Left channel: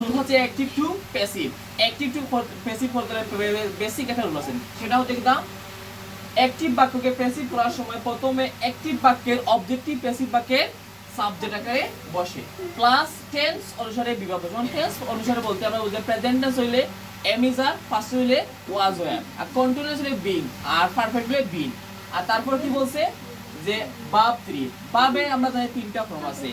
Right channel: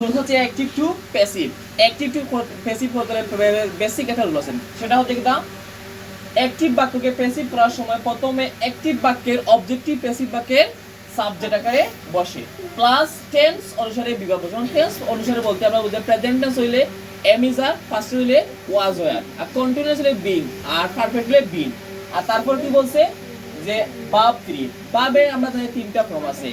হচ্ছে active to passive. Active to passive করতে basic একটা রুল আছে, সেটা হচ্ছে কি না, অ্যাক্টিভ বাক্যকে প্যাসিভ করার সময় প্রথমে অ্যাক্টিভ বাক্যের অবজেক্টিভ প্যাসিভ বাক্যের সাবজেক্ট আকারে বসে, প্লাস টেন্স অনুসারে বিভাগ। যখন টেন্স অনুসারে বলতে আমরা বুঝি প্রেজেন্ট টেন্স হইলে এম ইজ আর, ফার্স্ট হইলে ওয়াজ ওয়্যার, আর কন্টিনিউয়াস হইলে বিং, আর পারফেক্ট হইলে বিং। আর তারপর কি বলছে যে ভার্ব 3, ভার্বের আমরা জানি তিনটা ফর্ম আছে,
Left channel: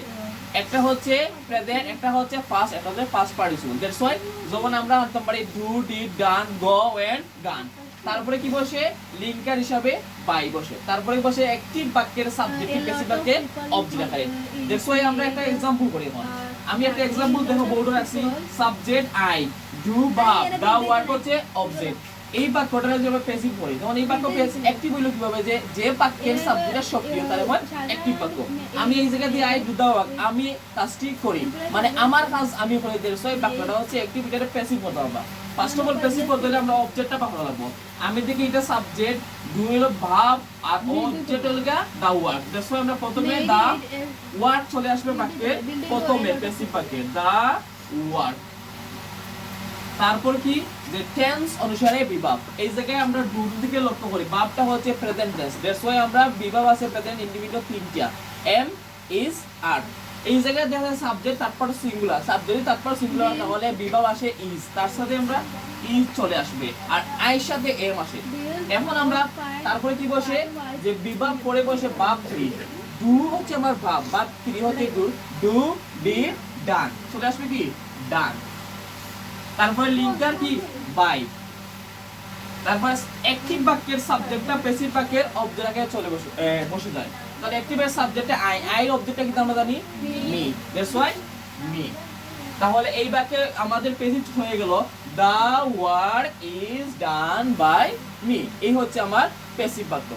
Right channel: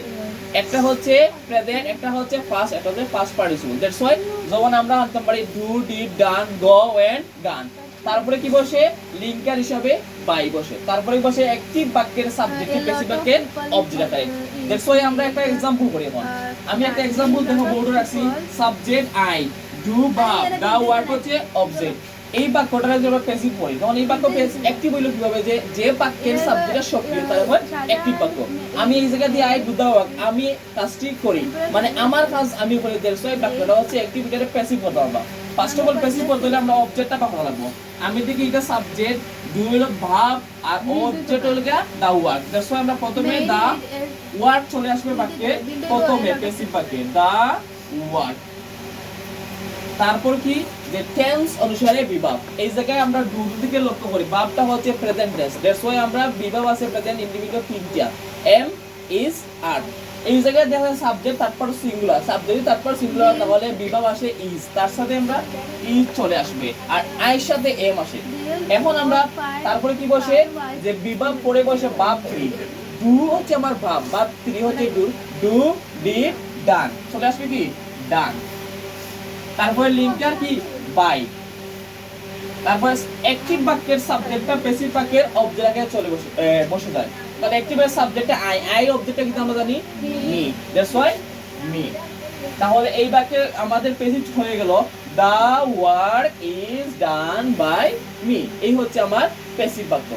একটা হচ্ছে প্রেজেন্ট, একটা হচ্ছে পাস্ট, একটা হচ্ছে পাস্ট পার্টিসিপল। দ্যাটস ওয়াই যখন আমরা আনতে পারি do, did, done, go and gone, তারপরে কি বসে লিঙ্কার হিসাবে বাই বসে, তারপরে বসে অ্যাক্টিভ বাক্যের সাবজেক্টিভ প্যাসিভ বাক্যের অবজেক্ট আকারে। দ্যাটস ওয়াই আমরা একটা एग्जांपल করি। এখন আমি একটা एग्जांपल দেখো বোর্ডে রাখছি, subject I, do verb, the word হচ্ছে অবজেক্ট। এই বাক্যটারে যে আমরা প্যাসিভ করি, তখন এই বাক্য অ্যাক্টিভ হইলো কিভাবে, যে বাক্যের সাবজেক্টটা সক্রিয় তার মানে অ্যাক্টিভ বাক্য। আমি এই জায়গা দিয়ে আই ডু দা ওয়ার্ক, আমি কাজটি করি, মানে আমার কাজ আমি করি। দ্যাটস ওয়াই বাক্যটা হচ্ছে অ্যাক্টিভ, এটারে প্যাসিভ করতে হবে। ফার্স্ট অফ অল প্যাসিভ করতে হলে আমরা অবজেক্টটা পাকা লাগবো। আমি দেখি এটা সাবজেক্ট, ডু হলো ভার্ব, আর অবজেক্ট হলো দা ওয়ার্ক। দ্যাটস ওয়াই আমরা প্রথমে দা ওয়ার্ক চলে আসবে বাক্যে, প্রথমে প্যাসিভ বাক্যে দা ওয়ার্ক। তারপর কি যে টেন্স অনুসারে বিভাগ, এই জায়গায় আমরা ডু দিকে লক্ষ্য করি, ভার্বটা হচ্ছে প্রেজেন্ট টেন্স। দ্যাটস ওয়াই আমরা বিভাগ আছে প্রেজেন্ট ইন্ডিভিজুয়াল তিনটা, এম, ইজ, আর। এই জায়গায় দেখা যায় সাবজেক্ট তারপর সিঙ্গুলার, সাবজেক্ট তারপর সিঙ্গুলার তাহলে বিভাগ আসে ইজ, তার সাথে আমরা ইজ চলে আসবে, আর আইর সাথে এম আসে। এখন আমরা তারপরে কি বসে যে বিভাগ পরে বসে ভার্ব 3, ডু হচ্ছে আমার ভার্ব, ভার্ব 3 হচ্ছে ডু, ডু, ডিড, ডান চলে আসবে কি ডান। তারপরে লিঙ্কার কি বাই, তারপর অ্যাক্টিভ বাক্যের সাবজেক্টটা প্যাসিভ বাক্যের অবজেক্ট আকারে চলে বসে যায়। তাহলে অ্যাক্টিভের সাবজেক্টে আই, আই অবজেক্টটা কিন্তু আমরা জানি মি, দ্যাটস ওয়াই মি। তাহলে এই বাক্যে আমাদের প্যাসিভ হয়ে গেল the work is done by me, এই হচ্ছে আমার প্যাসিভ বাক্য।